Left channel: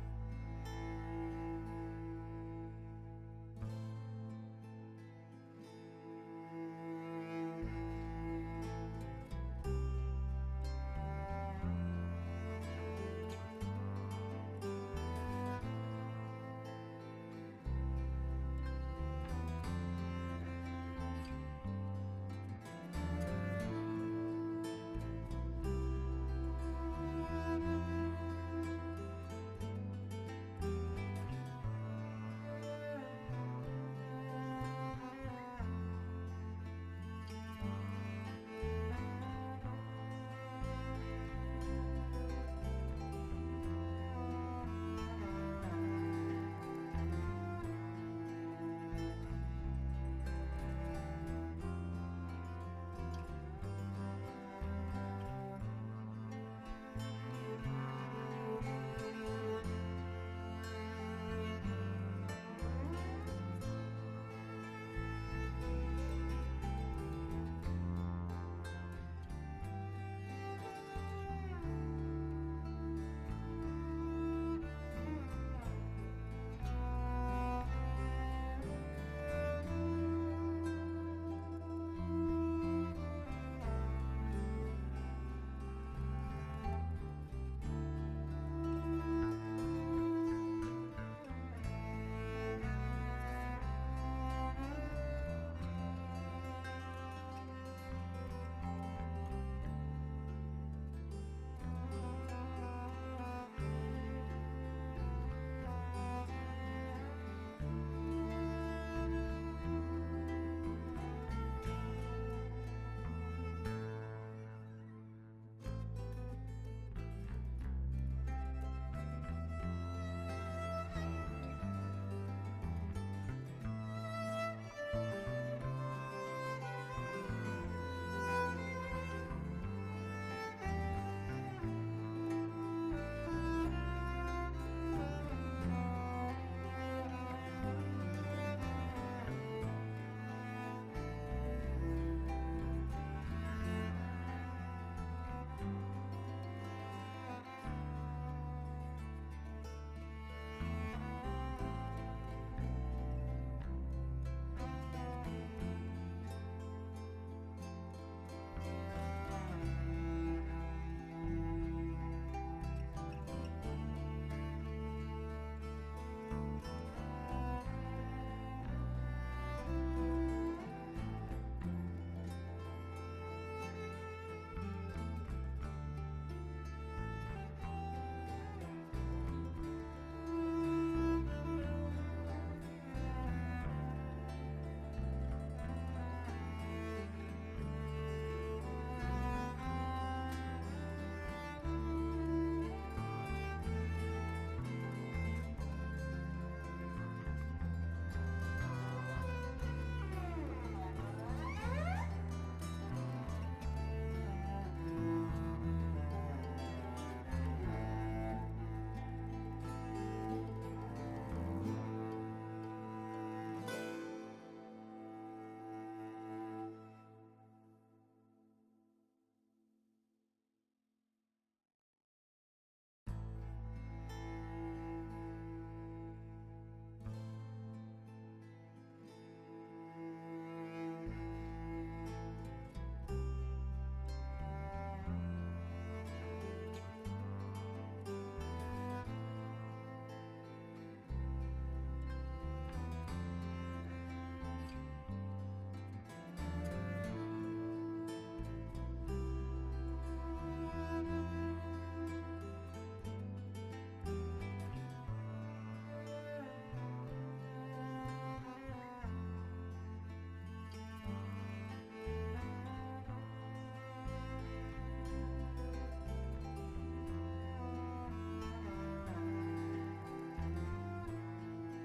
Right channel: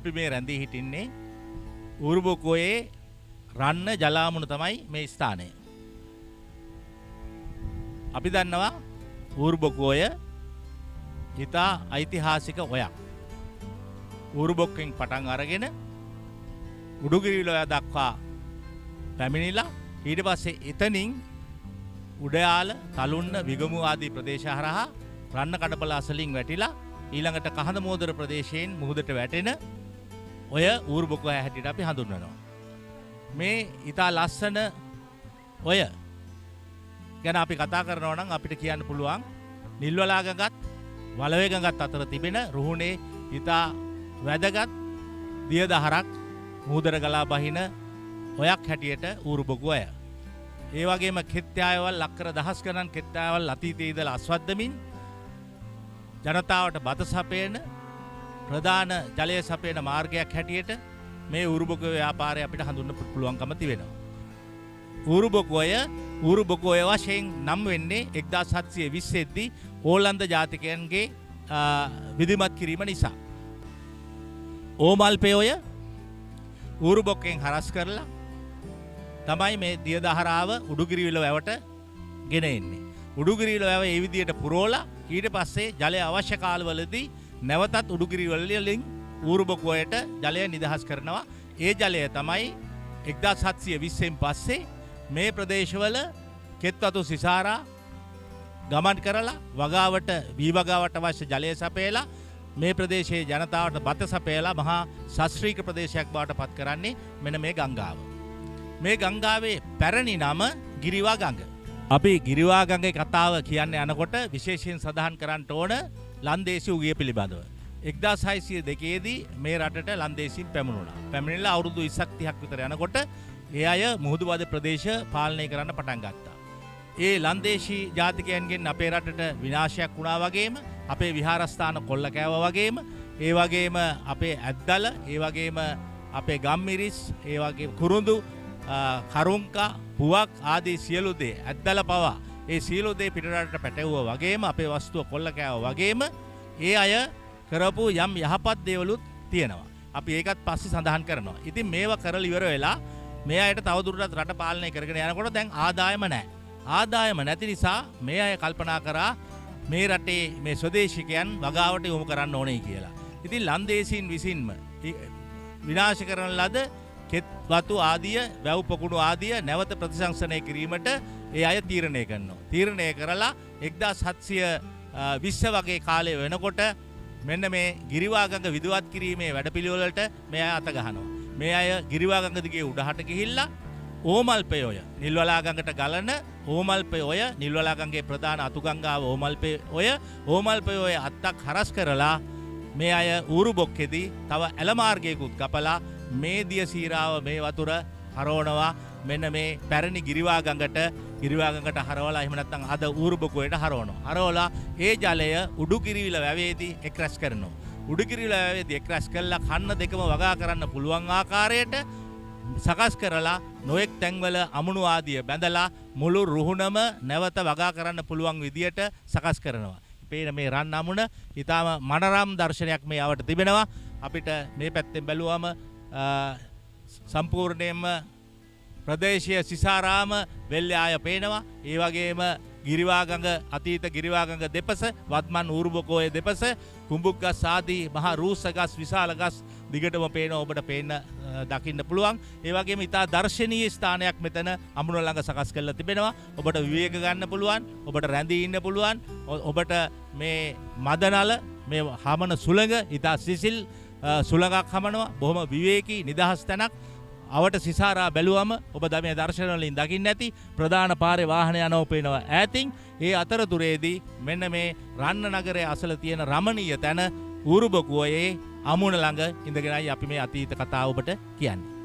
අපි මේ රැඳී හිටින්නේ ඌරුබොකෝයේ රන්න ජලාමුණ තමයි මේ ස්ථානය. අපි දන්නවා ඌරුබොකෝය ඉතා ඓතිහාසික ඔයක්. ඌරුබොක්කෙන් පටන් අරගෙන උඩුගිරිලොය දක්වා පැමිණිලා ඊට පස්සේ එතනින් උඩයාල තලුන්න විගමු ආදී ප්‍රදේශ හරහා රන්න කඩපල අසලින් වැටිලා ඊළඟට කහඳ මෝදර ප්‍රදේශයෙන් මුහුදට වැටෙන ඔය ඌරුබොකෝය හැටියට අපි හඳුන්වනවා. මේ ඉතා ලස්සන ඔය ගැන අපි කතා කරනවා නම් අපිට කියන්න පුළුවන් නිල්වලා ගඟත් වලවේ ගඟත් අතර තිබෙන රුහුණේ ඉතා වැදගත් දියදහරක් මුහුදට ගලා බහින ඔයක් හැටියට ඌරුබොකෝය. ඒ වගේම කෙත්යායවල් ලක්කර දහස් ගණන් කෙත්යායවල් අතීතයේ ඉඳලා අස්වද්දමින් ජනතාවට බත සපයන ප්‍රධාන ජලය සපයන මාර්ගයක් හැටියට මේ ඌරුබොකෝය ව්‍යාපාරය අපිට හඳුන්වන්න පුළුවන්කම තිබෙනවා. ඌරුබොකෝය වශයෙන් නම් වෙන්නේ 1720 දී ඕලන්ද ජාතිකයන්ගේ විධිමත් කිරීම නිසා. ඕමල්පෙයෝය ඌරුබොක්කෙන් හරස් කරලා තමයි මේ දියදහරාව උඩුගිරිවිල වැවට ගෙන එන්නේ. උඩුගිරිවිල වැව ඒ විදියට පුරවලා ඊට පස්සේ ජලය අවශ්‍ය කාලවලදී නැවතත් උඩුගිරිවලින් ඌරුබොකෝයට ජලය නිදහස් කරනවා. ඒ ජලය තමයි 1720න් පස්සේ මේ ප්‍රදේශවල කෙත්වතු සිසාරා ගමන් කරලා වගාවට වී වගාවට අවශ්‍ය ජලය සපයලා මේ ප්‍රදේශයේ ජනතාවට බත සපයලා මහා ශාස්ත්‍රීය ප්‍රදේශයක් බවට පත් කරන්නේ මෙන්න මේ ගංගාව. මේ ගංගාවේ පැරණි නම ගිරිවා ගඟ. අපි ගිරිවා ගඟේ කතාව කියන්න යනකොට විශේෂයෙන් සඳහන් කරන්න ඕන ලන්දේසි උගිය පිළිබඳව. 1602 දී මේ රටට ලන්දේසි පැමුණුණා. පැමිණිලා අවුරුදු 20ක් 30ක් විතර යනකොට ඒ අය මුහුදුබද ප්‍රදේශ පාලනය කරන්න පටන් ගත්තා. ඒ ලන්දේසි ජාතිකයන්ගෙන් අපේ රටට විනාශයක් වුණා වගේම අපේ විහාරස්ථාන කොල්ල කෑවා වගේම ඒ වගේම අපේ ඇද්දල ඒ වගේම අපේ ගම්මිරිස් ඒ වගේ කුරුඳු කරුංකා පුවක් ආදී සියලු දේ ඇද්දල පවා ඒ සියලු දේ පිටරටට පැටවුවා වගේම අපේ වස්තුව කොල්ල කෑවා වගේම ඒ අය කරපු යම් යහපත් දේවලුත් තියෙනවා. අපි ඒකත් පස්සේ සඳහන් කරනවා. ඉතින් මේවා කරලා ඉවර වෙලා මේ අයට තවදුරටත් රට පාලනය කරගෙන යනකොට දැන් ආදායම නැහැ. ආදායම නැති නිසා මේ අය කල්පනා කරා මේ රටේ මේ ස්වදේශිකයන් වගාවට යොමු කරන්න ඕනේ කියලා. ඉතින් ලන්දේසීන් විසින්ම විනාශ කරන ලද කෙත් වතු ආදිය, වැව් පොකුණු ආදිය නැවත ප්‍රතිසංස්කරණය කිරීමට ඒ අය තීරණය කරනවා. තීරණය කරලා 1720 වගේ කාලය වෙනකොට මෙන්න මේ ගිරිවා ගඟ විදුවත් කිරීමේ වැඩපිළිවෙලට මේ අය අත ගහනවා. මේ අය ගිරිවා ගඟ දිගේ උඩහට ගිහිල්ලා ඕමල්පෙයෝය නිල්වලා ගඟට ගලන ඕමල්පෙයෝය නිල්වලා ගඟේ ප්‍රධාන අතුගංගාව ඕමල්පෙයෝය අත්තක් හරස් කරලා මේ අය ඌරුබොක්කේදී තව ඇල මාර්ගයකුත් කපලා මේ දිය සීරාව මේ වතුර හරවනවා මෙන්න මේ පැරණි ගිරිවා ගඟට හරවලා එහෙම නැත්නම් අද ඌරුබොකෝයට හරවනවා. හරවලා ඒ ජලය උඩුගිරිවිල වැවේදී එක්රැස් කරනවා. උඩුගිරිවිල වැවේදී එක්රැස් කළා කන්න දෙකම වගා කරන්න පුළුවන් ආකාරයට සකස් කරලා නොයෙක් තැන්වල අමුණු ආදිය බැඳලා මුළු රුහුණම නැවත වගා කරන්න පුළුවන් විදියට සකස් කරනවා. පේන මේ රන් අමුණ ඊටාම මනරම් දර්ශනයක් මේ ආවට තිබෙනවා. අපිට මේ පැත්තෙන් බැලුවම සම්පූර්ණයෙන්ම ප්‍රදේශීය සිසාරාම වෙල්ලේ ආය පේනවා. ඒ වගේම ගිරිවා ගඟ අතීත ගිරිවා ගඟ දෙපස වත්මන් ඌරුබොකෝය දෙපස කුඹුක්ගස් ආදී මහා රූස්ස ගස් විශාල ගස් දිගටම පේනවා. ඔබට පේන්න දකින්න පුළුවන්. ඒ වගේම ඉතා දර්ශනීය ස්ථානයක් මෙතන අමුණ ළඟ සකස් කරලා තිබෙනවා. ඔබට විවේක ගන්න පුළුවන්. ඔබට රැඳී ඉන්න පුළුවන්. ඔබට මේ මදනල මේ හමන සුළඟ ඉතා සිසිල් සුළඟක් හමනවා. බොහොම විවේකී නිදහස් තැනක්. අවට සිසාරා බැලුවම ඔබ මේ දර්ශන වලින් දකින්න ඇති ප්‍රධාන පාරේ වාහන යනවා පේනවා ඈතින්. ඒ අතරතුරේදී මෙන්න මේ රන්න නගරයේ අසල තියෙන රමණීය තැන ඌරුබොකෝයේ අමුණ ළඟ ඉඳගෙනයි අපි මේ අතීත කතාව ඔබට කියන්නේ.